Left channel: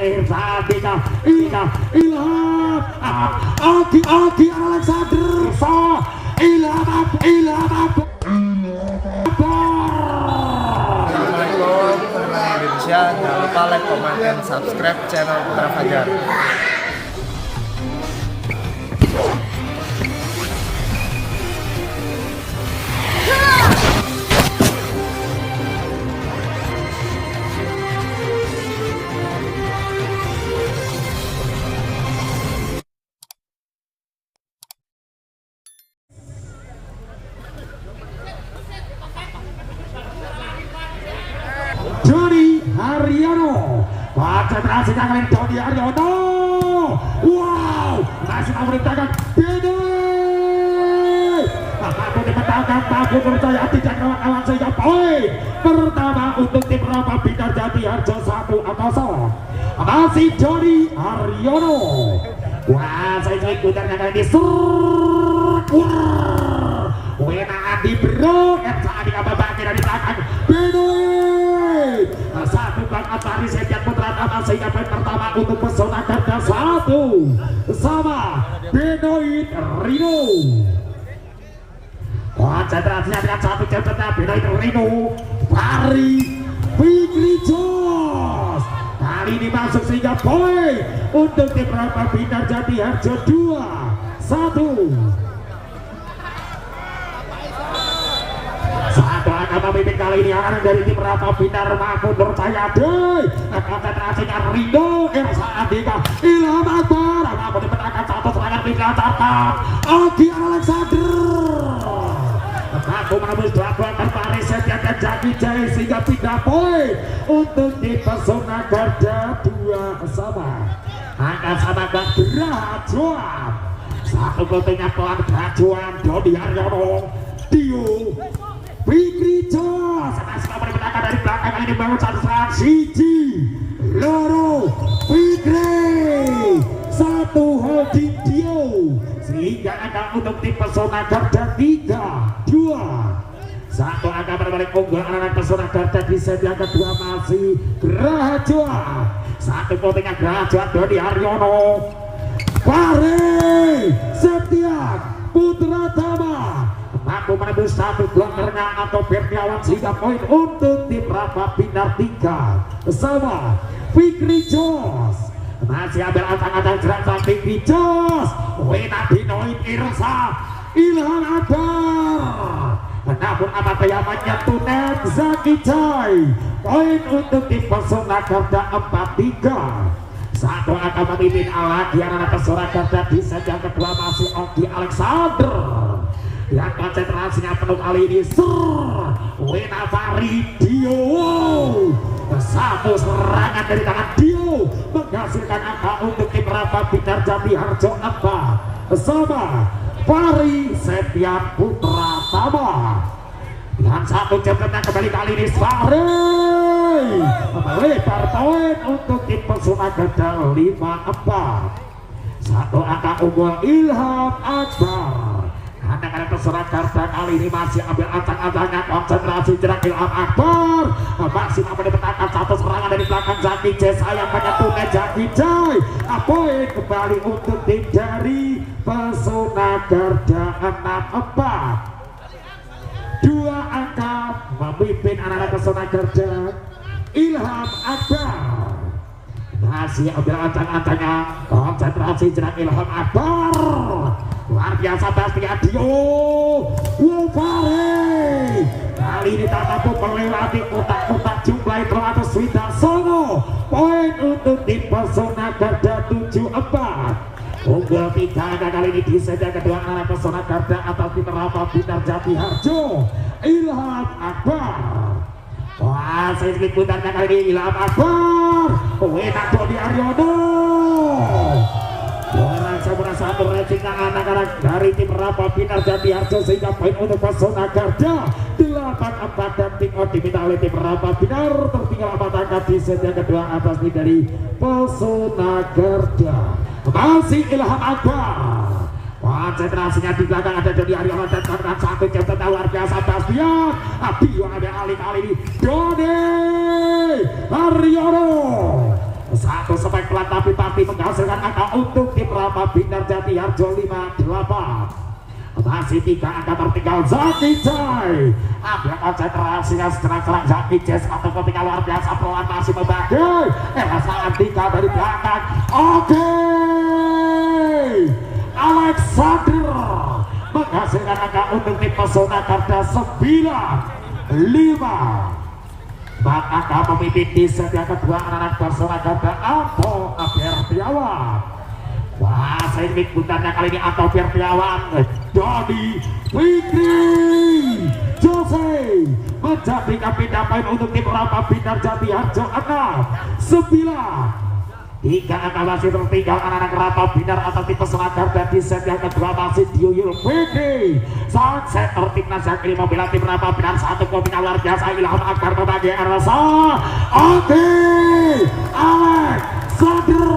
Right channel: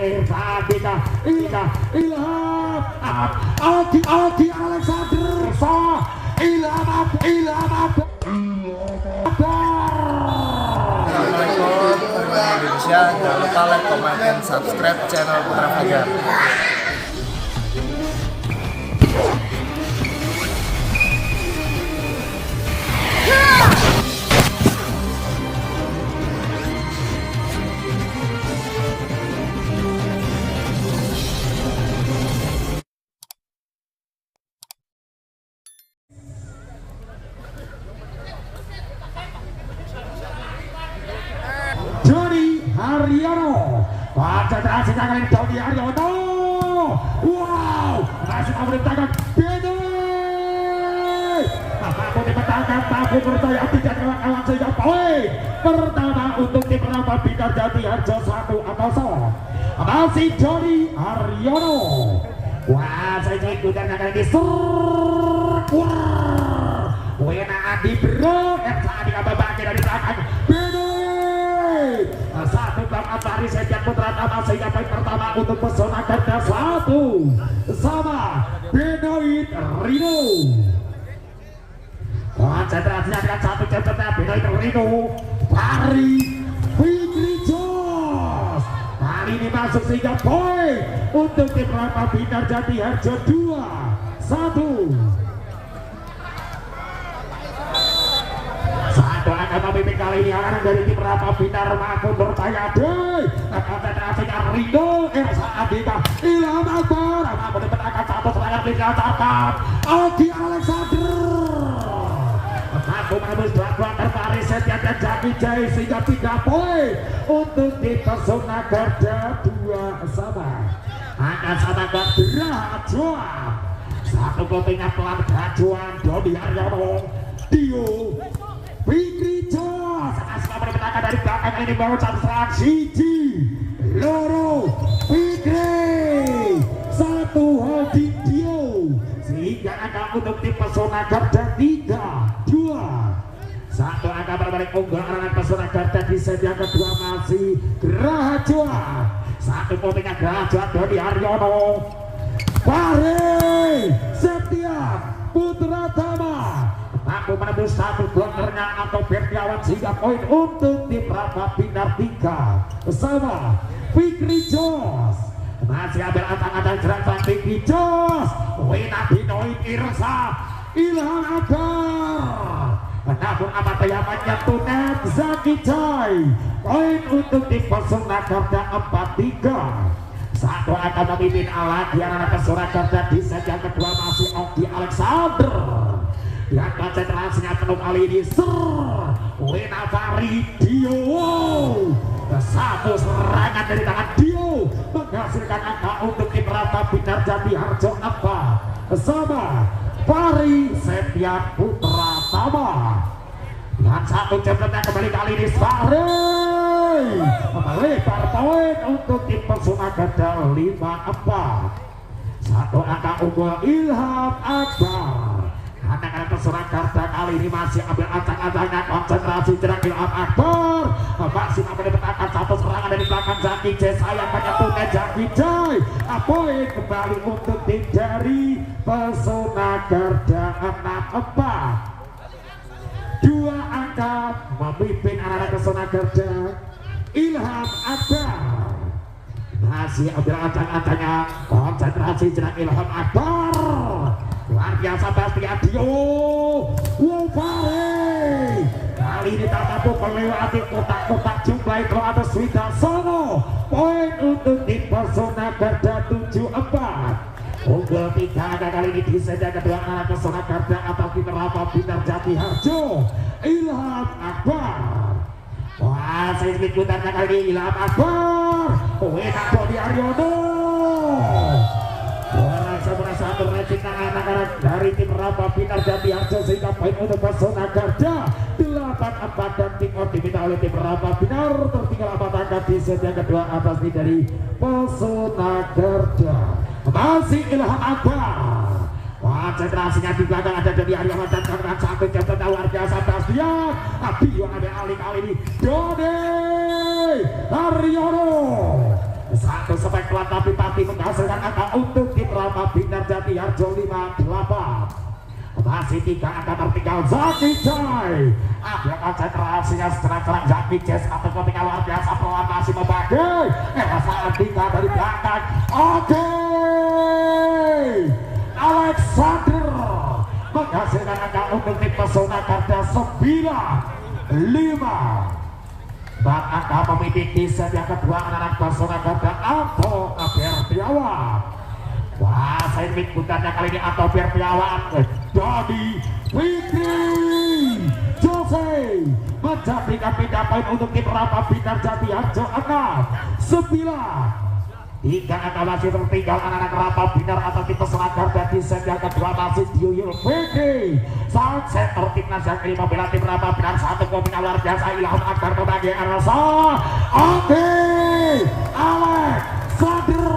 Ilham Ogi Alexander Ilham Assalamualaikum warahmatullahi Indonesia. Jangan lupa like, comment, dan subscribe channel Putra Fajar. Dodi Haryono baca berhasil dengan Dodi Haryono. Wow, masih memerintahkan Benny. Tapi dikatakan takut percaya tidak kawan-kawan sehingga poin pertama untuk tim Rafa Binar Jati Harjo 1-0. Masih Dodi Haryono. Wah, saya ikutan dengan ini Wena Adi Bro yang saat ini bagi dari tangan Benny. Satu kakak tadi setiap putra nama sehingga poin pertama untuk Pesona Garda 1 sama Benoit Rino. Konsentrasinya dengan satu cepetnya Benoit Rino Pari Fikri Jos. Kali ini masuk sehingga poin untuk tim Rafa Binar Jati Harjo 2-1. Satu angka pemimpin kali ini akan dari tim Rafa Binar Mahfud Nurtayade. Konsentrasinya Rino Irsa Andika Ilham Akbar menang satu serangan tinggal tatap Ogi Alexander mampu menembus babak terbaris Setia dan Jaki Jai sehingga 3 poin untuk tim Pesona Garda 2 sama. Angkat sama gak Rajuan satu ketinggalan pelan Rajuan Dodi Haryono Dio Fikri Jos sekali menangkan dari belakang ini baru satu serangan Siji Loro Fikri satu holding Dio sehingga angka untuk tim Pesona Garda 3-2. Satu angka berbalik unggul anak Pesona Garda di set yang kedua masih Rajuan. Satu potingnya Rajuan Dodi Haryono Pare Setia Putra Tama mampu menembus satu blockernya atau Berniawan sehingga poin untuk tim Rafa Binar 3 sama Fikri Jos. Masih ambil acang-acang jeratan Fikri Jos. Wena Binoit Irsa Ilham Akbar namun amat yamannya Tunet Zaki Jai. Poin untuk tim Pesona Garda 4-3. Satu angka memimpin ala di anak Pesona Garda di set yang kedua masih Ogi Alexander. Lihat konsentrasinya penuh kali ini Wena Fari Dio. Satu serangan dari tangan Dio menghasilkan angka untuk tim Rafa Binar Jati Harjo 4 sama Fari Setia Putra Tama. Dan satu cepetnya kembali kali ini Fari melebar poin untuk tim Pesona Garda 5-4. Satu angka unggul Ilham Akbar. Anak-anak Pesona Garda kali ini masih ambil acang-acangnya konsentrasi jerak Ilham Akbar. Masih akan dipetakan satu serangan dari belakang Zaki Jai sayang menyentuhnya Zaki Jai. Poin kembali untuk tim dari Pesona Garda 6-4. Dua angka memimpin anak-anak Pesona Garda Ilham Akbar. Masih ambil acang-acangnya konsentrasi jerak Ilham Akbar. Luar biasa Bastian Dio Wufare kali ini tak mampu melewati kotak-kotak jumlah itu atau Swida Sono. Poin untuk tim Pesona Garda 7-4. Unggul 3 kali ini di set yang kedua anak Pesona Garda atau tim Rafa Binar Jati Harjo Ilham Akbar. Wah, saya ikutan kali ini Ilham Akbar Wena Dodi Haryono. Anak-anak dari tim Rafa Binar Jati Harjo sehingga poin untuk Pesona Garda 8-4 dan tim diminta oleh tim Rafa Binar tertinggal 4 angka di set yang kedua atas nih dari Pesona Garda. Masih Ilham Akbar. Konsentrasinya di belakang ada Dodi Haryono dan sangat satu cepet luar biasa Bastian. Abio ada alih kali ini Dodi Haryono. Satu spektakuler tapi pasti menghasilkan angka untuk tim Rama Binar Jati Harjo 58. Masih 3 angka tertinggal Zaki Joy. Ada konsentrasinya secara Zaki Jazz atau ketika luar biasa peluang masih membagi. Elsa Andika dari belakang. Oke, Alexander menghasilkan angka untuk tim Pesona Garda 95. Maka pemimpin di set yang kedua anak Pesona Garda Anto Bertiawan. Wah, saya bukannya kali ini Anto Bertiawan Dodi Fikri Jose menjadi kapten poin untuk tim Rama Binar Jati Harjo 9. 3 angka masih tertinggal anak-anak Rama Binar atau tim Pesona Garda di set yang kedua masih Dioyul Fikri. Saat set timnas yang kelima membela tim Rama Binar satu kombinasi luar biasa Ilham Akbar membagi Elsa. Oke, Alexander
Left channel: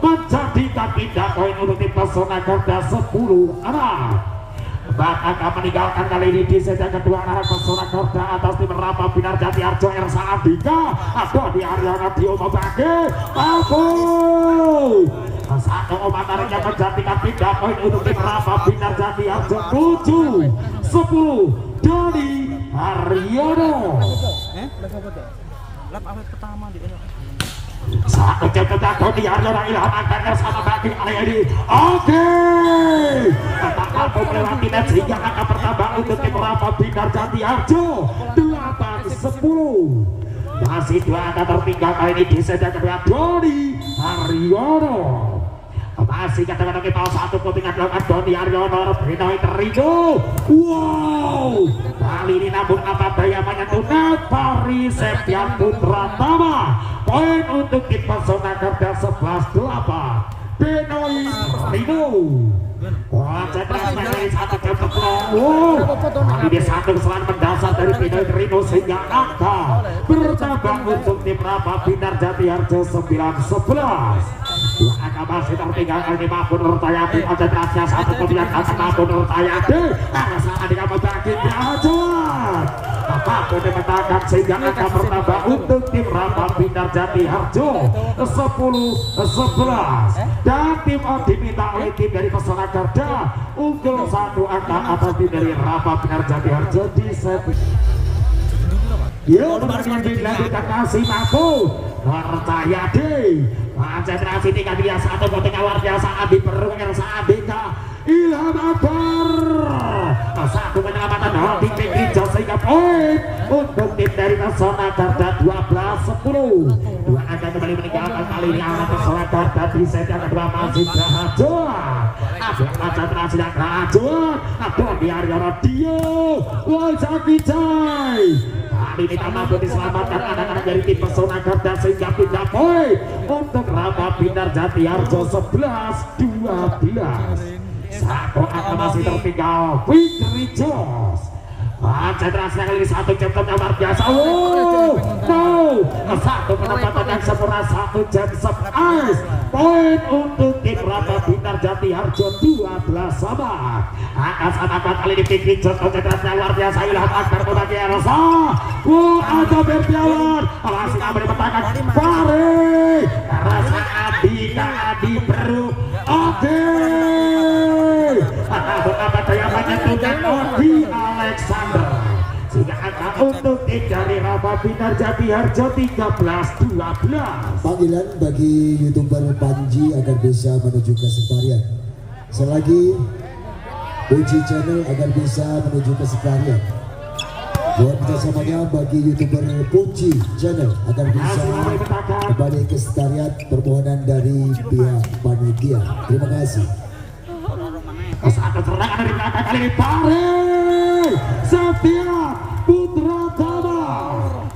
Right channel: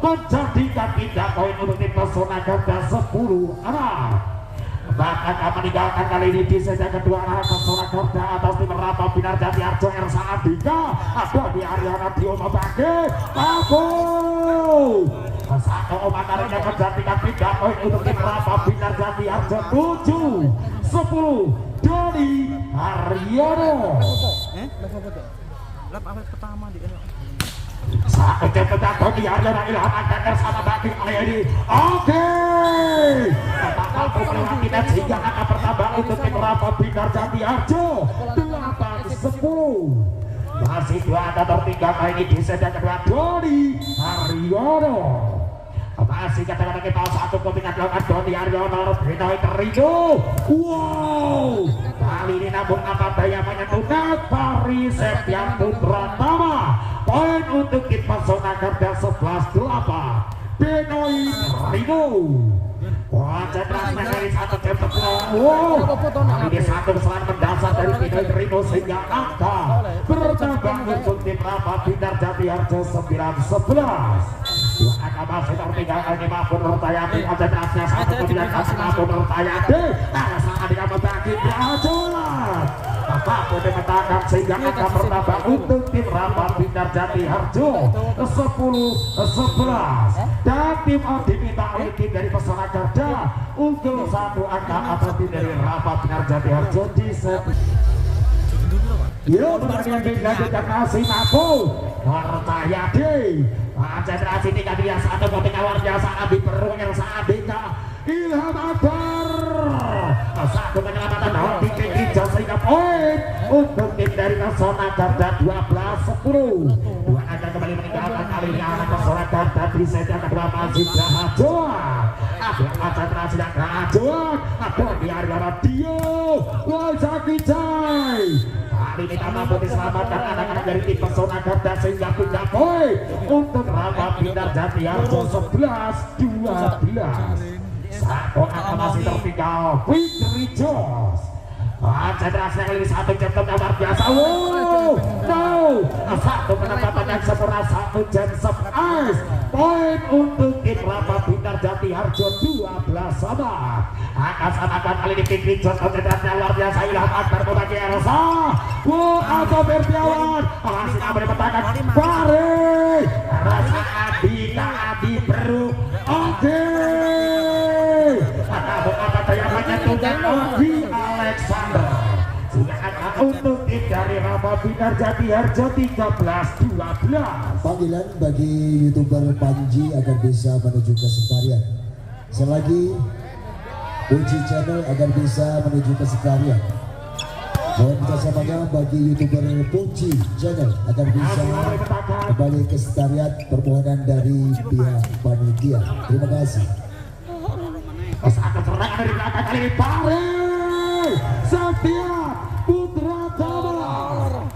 menjadi kapten poin untuk tim Pesona Garda 10 anak. Bahkan akan meninggalkan kali ini di set yang kedua anak Pesona Garda atas tim Rama Binar Jati Harjo Elsa Andika. Dodi Ariana Dio membagi Albo. Satu omongannya menjadi kapten poin untuk tim Rama Binar Jati Harjo 7-10 Dodi Ariana. Lap awet pertama di satu jam Dodi Ariana Ilham Akbar sama bagi ini. Oke, tidak sehingga angka pertama untuk tim Rama Binar Jati Harjo 8-10. Masih 2 angka tertinggal ini di set yang kedua Dodi Ariana. Masih kadang-kadang kita satu kombinasi dilakukan Dodi Ariana Benoit Rido. Wow, kali ini nabung angka daya menyentuh Netari Septian Putra Tama. Poin untuk tim Pesona Garda 11-8 Benoit Rido. Konsentrasi dari satu jam ini satu kesalahan mendasar dari Benoit Rido sehingga angka bertambah untuk tim Rama Binar Jati Harjo 9-11. 2 angka masih tertinggal ini Mahfud Nurtayati. Konsentrasinya satu kemudian kasih Mahfud Nurtayati. Elsa Andika membagi Brajuan. Mahfud dikatakan sehingga angka bertambah untuk tim Rama Binar Jati Harjo 10-11. Dan tim diminta oleh tim dari Pesona Garda unggul 1 angka atas tim dari Rama Binar Jati Harjo di set. Yuk, berkembang dilanjutkan masih Mahfud Nurtayati. Konsentrasi 3 dia satu ketika luar biasa Adi Perung Elsa Andika Ilham Akbar. Satu penyelamatan Dodi Fikri sehingga poin untuk tim dari Pesona Garda 12-10. 2 angka kembali meninggalkan kali ini anak Pesona Garda di set yang kedua masih Brajuan. Ada konsentrasi yang Brajuan. Ada di Ariana Dio Zaki Joy. Ini mampu diselamatkan anak-anak dari tim Pesona Garda sehingga pindah poin untuk Rama Binar Jati Harjo 11-12. Satu angka masih tertinggal Fikri Jos. Konsentrasi kali ini satu jam luar biasa. Satu penempatan yang sempurna 1 jam 11. Poin untuk tim Rama Binar Jati Harjo 12 sama. Akan kali ini Fikri Jos konsentrasinya luar biasa. Ilham Akbar membagi Elsa. Ada Bertiawan. Masih memberi pertahanan Fahri. Elsa Andika Adi Perung. Oke. Apa daya menyentuhnya Odi Alexander. Sehingga angka untuk tim dari Rama Binar Jati Harjo 13-12. Panggilan bagi YouTuber Panji agar bisa menuju ke sekretariat. Selagi Puji Channel agar bisa menuju ke sekretariat. Dan bersama-sama bagi YouTuber Puji Channel agar bisa kembali ke sekretariat. Permohonan dari pihak panitia. Terima kasih. Satu serangan dari belakang kali ini Fahri Septia Putra Tama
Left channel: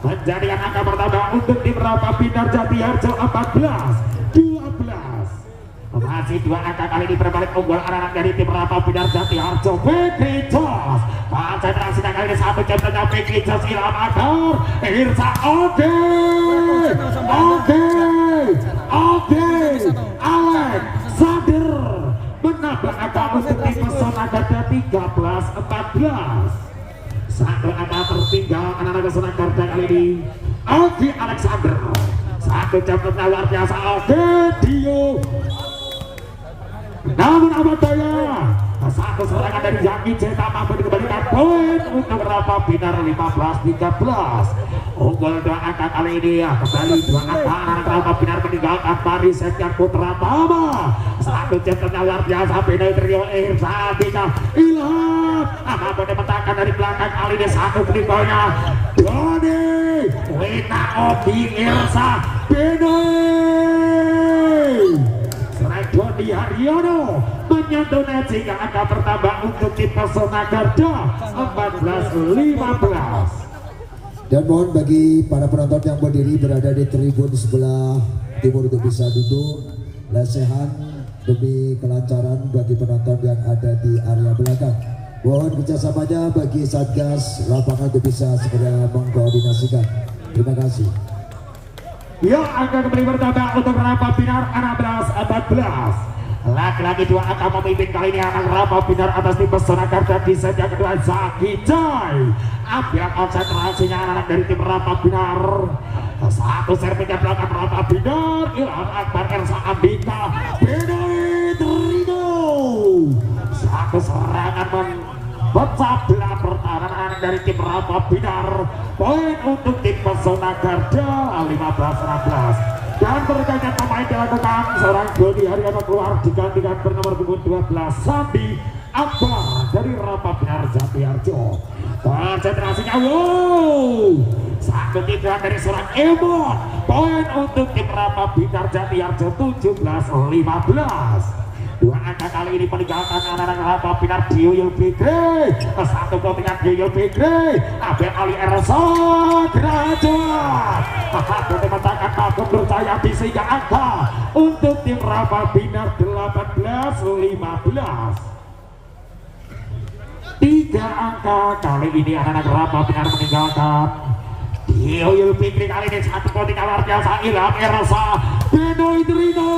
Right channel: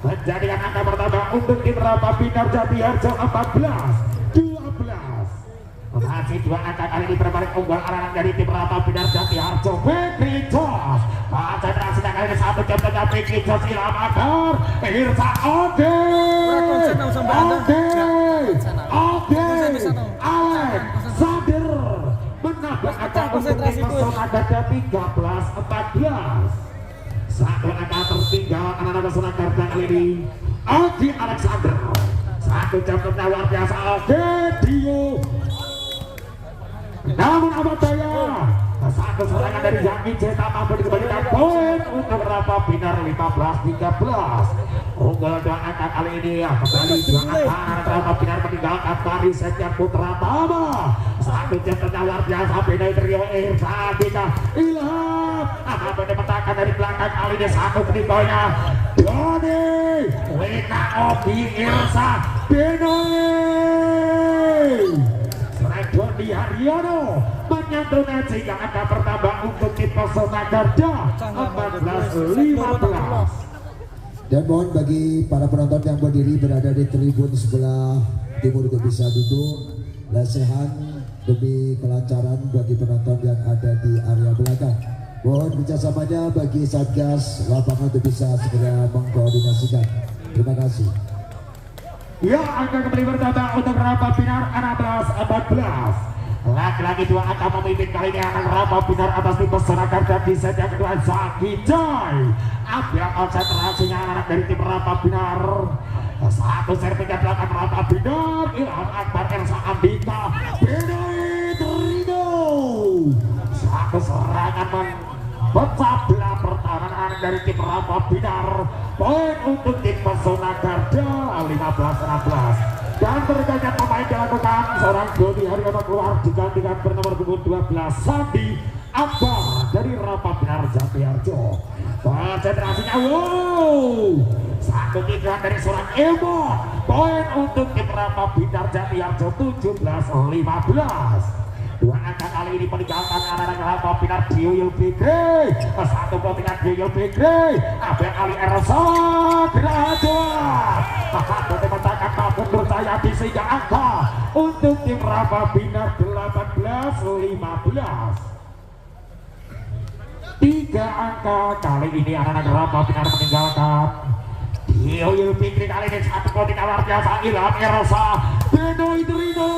menjadikan angka pertama untuk tim Rama Binar Jati Harjo 14-12. Masih 2 angka kali ini berbalik unggul anak-anak dari tim Rama Binar Jati Harjo Fikri Jos. Konsentrasi kali ini 1 jam tengah Fikri Jos Ilham Akbar Irsa. Oke Alexander menambah angka untuk tim Pesona Garda 13-14. Satu angka tertinggal anak-anak Pesona Garda kali ini Oki Alexander. Satu satu jam luar biasa. Oke Dio, namun apa daya satu serangan dari Yaki cetak mampu dikembalikan poin untuk Rapa Binar 15-13. Unggul dua angka kali ini ya kembali dua angka Rapa Binar meninggalkan Paris Saint-Germain putra Tama. Satu jam luar biasa beda trio Irsa Adika Ilham akan mendapatkan dari belakang kali ini satu peninggalnya Doni Wina Oki Irsa Benoi selain Doni Haryono menyantuni sehingga angka bertambah untuk tim Pesona Garda 14-15. Dan mohon bagi para penonton yang berdiri berada di tribun sebelah timur untuk bisa duduk lesehan demi kelancaran bagi penonton yang ada di area belakang. Mohon kerjasamanya bagi Satgas lapangan untuk bisa segera mengkoordinasikan. Terima kasih. Ya, angka kembali bertambah untuk Rapa Binar 16-14. Laki-laki dua angka memimpin kali ini akan Rapa Binar atas tim Pesona Garda di set yang kedua Zaki Joy. Ambil konsentrasinya anak dari tim Rapa Binar. Satu servisnya belakang Rapa Binar. Ilham Akbar Ersa Ambika Benoi Trido. Satu serangan memecah belah pertahanan dari tim Rapa Binar. Poin untuk tim Pesona Garda 15-16. Dan berkaitan pemain dilakukan seorang gol di hari apa keluar digantikan bernomor punggung 12 Sandi Akbar dari Rapa Binar Jatiarjo. Konsentrasinya satu titulan dari seorang Emon. Poin untuk tim Rapa Binar Jatiarjo 17-15. Dua angka kali ini meninggalkan anak-anak Rapa Binar Dio Fikri. Satu kotingan Dio Fikri Abel Ali Ersa Geraja. Satu tembakan Mahfud Nurtaya di sehingga angka untuk tim Rapa Binar 18-15. Tiga angka kali ini anak-anak Rapa Binar meninggalkan Dio Fikri kali ini satu kotingan luar biasa Ilham Ersa Benoi Trino.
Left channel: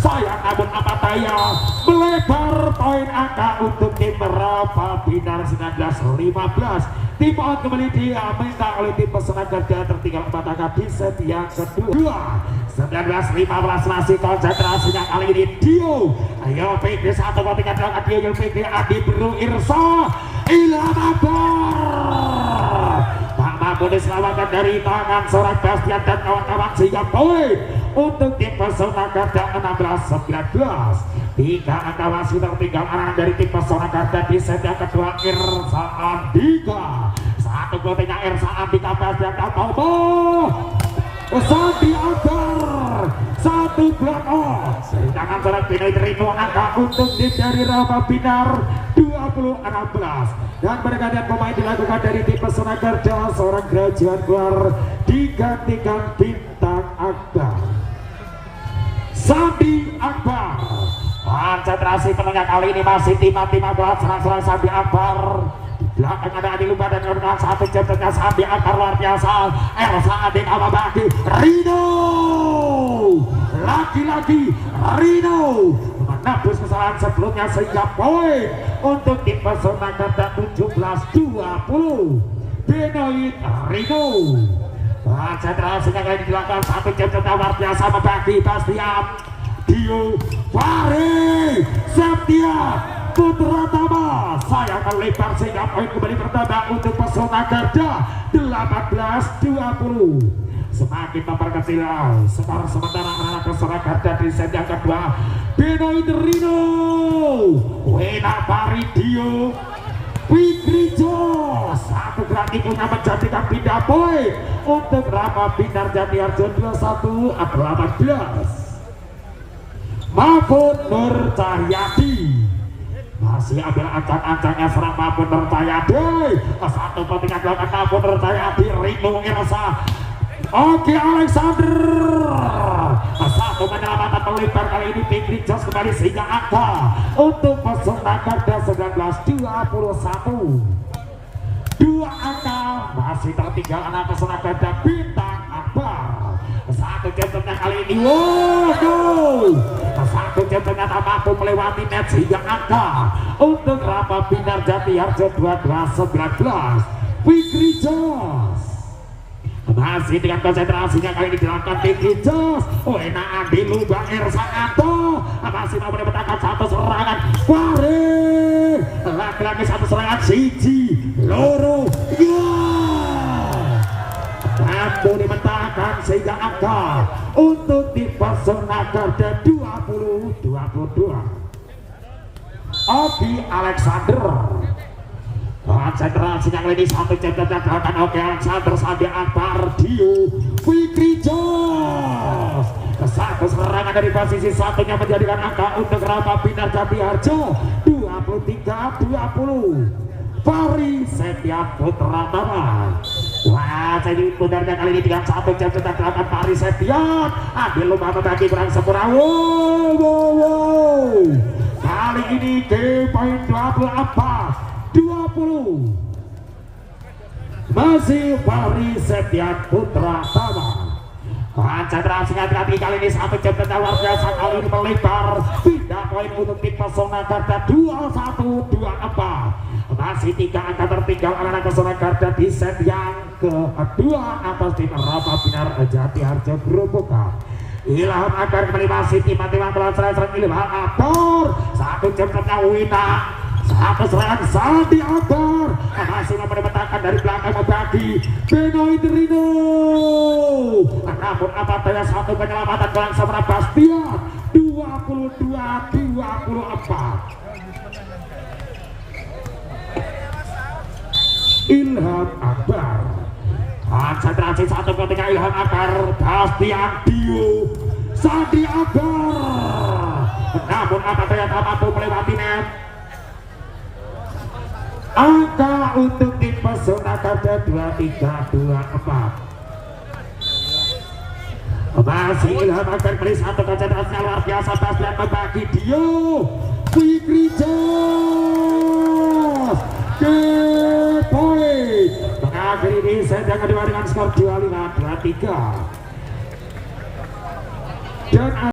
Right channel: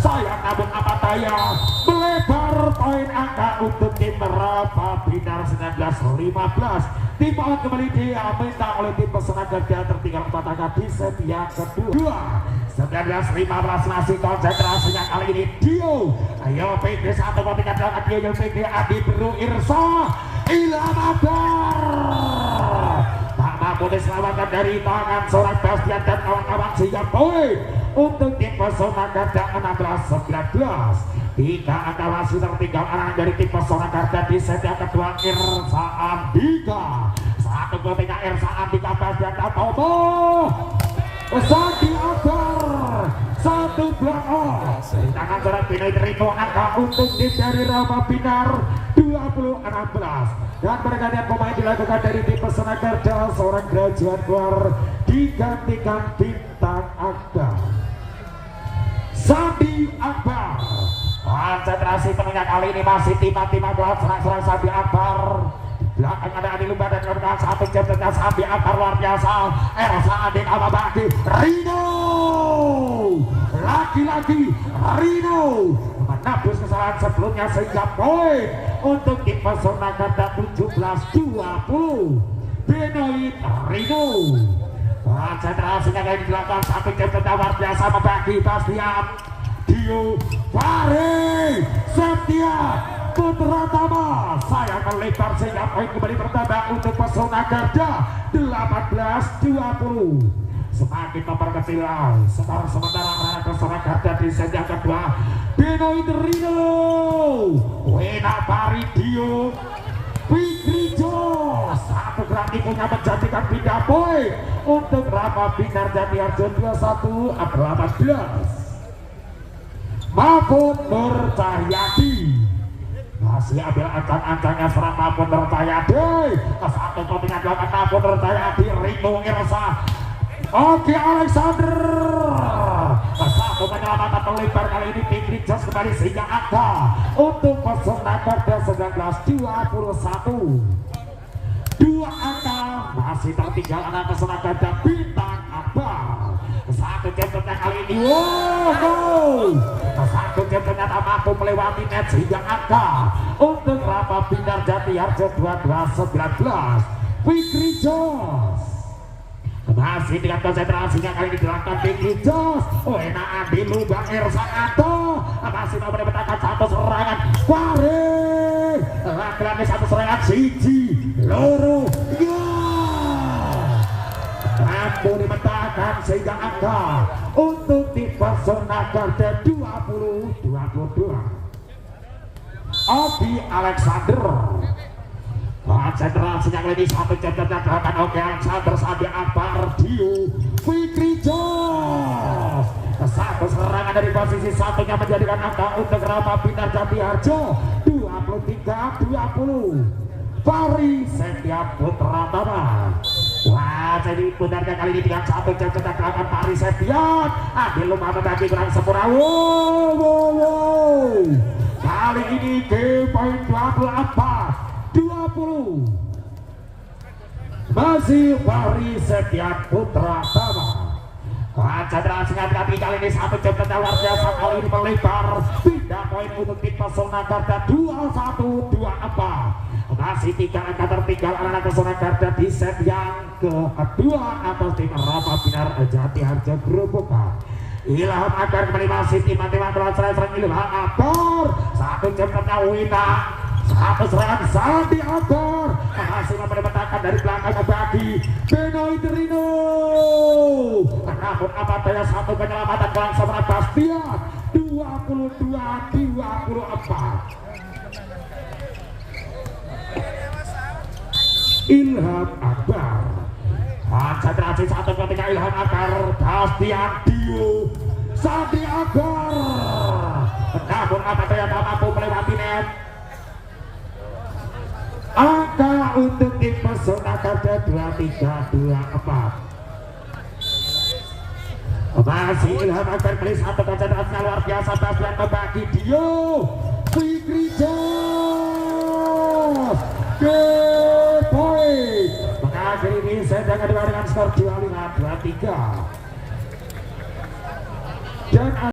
Sayang namun apa daya melebar poin angka untuk tim Rapa Binar 19-15. Tim on kembali diminta oleh tim Pesona Garda tertinggal 4 angka di set yang kedua 19-15 masih konsentrasinya kali ini Dio ayo PG satu kopikan belakang Dio PG Adi Beru Irsa Ilham Akbar tak mampu diselamatkan dari tangan seorang Bastian dan kawan-kawan sehingga poin untuk tim Pesona Garda 16-19. Tiga angka masih tertinggal arah dari tim Pesona Garda di set yang kedua Irsa Andika. Satu golnya Irsa Andika Bastian dan Sandi Akbar. Satu blok dari tangan seorang Benoi Trino angka untuk tim dari Rapa Binar 20-16. Dan pergantian pemain dilakukan dari tim Pesona Garda seorang Grajian keluar digantikan Bintang Akbar Sandi Akbar. Konsentrasi penengah kali ini masih timah-timah buat serang-serang Sandi Akbar. Belakang ada Adi Lumba dan Nurman satu jam tengah Sandi Akbar luar biasa. Elsa Adik Awabaki Rino. Laki-laki Rino menebus kesalahan sebelumnya sehingga poin untuk tim Pesona Garda 17-20. Benoi Rino. Konsentrasinya kali di belakang satu jam tengah luar biasa membagi Bastian Dio Fahri Septia Putra Tama. Sayang melebar sehingga poin kembali bertambah untuk Pesona Garda 18-20. Semakin memperkecil skor sementara karena Pesona Garda di set yang kedua Benoi Trino Wena Baridio Fikri Jos. Satu gerak ikunya menjadikan pindah poin untuk Rapa Binar Jatiarjo 21-18. Mahfud Nur Cahyadi masih ambil ancang-ancangnya serang Mahfud Nur Cahyadi. Satu kotingan belakang Mahfud Nur Cahyadi Rino Irsa Oke Alexander. Satu menyelamatkan melebar kali ini Fikri Jos kembali sehingga angka untuk Pesona Garda 19-21. Dua angka masih tertinggal anak Pesona Garda Bintang Akbar. Satu jatuhnya kali ini satu jatuhnya tak mampu melewati net sehingga angka untuk Rapa Binar Jatiarjo 12-19. Fikri Jos masih dengan konsentrasinya kali ini dilakukan Vicky Jos. Oh enak Adi Luba Ersaanto masih mau mendapatkan satu serangan Farid lagi-lagi satu serangan Siji Loro mampu dipetakan sehingga angka untuk di Persona Garda 20-22. Ogi Alexander konsentrasinya kali ini satu jabatan belakang. Ogi Alexander Sandi Akbar Dio Fikri Jos satu serangan dari posisi satunya menjadikan angka untuk Rama Binar Jambi Harjo 23-20. Fahri Septian Putra Tama. Wah, jadi pundarnya kali ini dengan satu jabatan belakang Fahri Septian. Adil lupa membagi kurang sempurna. Wow. Kali ini ke poin 20 masih Fahri Septian Putra Tama. Konsentrasinya hati kali ini satu jabatan luar biasa kali ini melebar. Pindah poin untuk tim Persona Garda 21-24. Masih 3 angka tertinggal anak Persona Garda di set yang kedua atas tim Rama Binar Jati Harjo Grobogan. Ilham Akbar kembali masih tim-tim serang Ilham Akbar satu jemputnya Wina satu serangan Sandi Akbar masih mendapatkan dari belakang bagi Benoit Rino. Namun apa daya satu penyelamatan bangsa Bastian 22-24. Ilham Akbar konsentrasi satu ketika Ilham Akbar Bastian Dio Sandi Akbar. Namun apa daya tak mampu melewati net. Angka untuk tim Persona Garda 23-24. Masih Ilham Akbar beli satu konsentrasinya luar biasa. Bastian membagi Dio Fikri Jos ke poin mengakhiri di set yang kedua dengan skor 25-23. Dan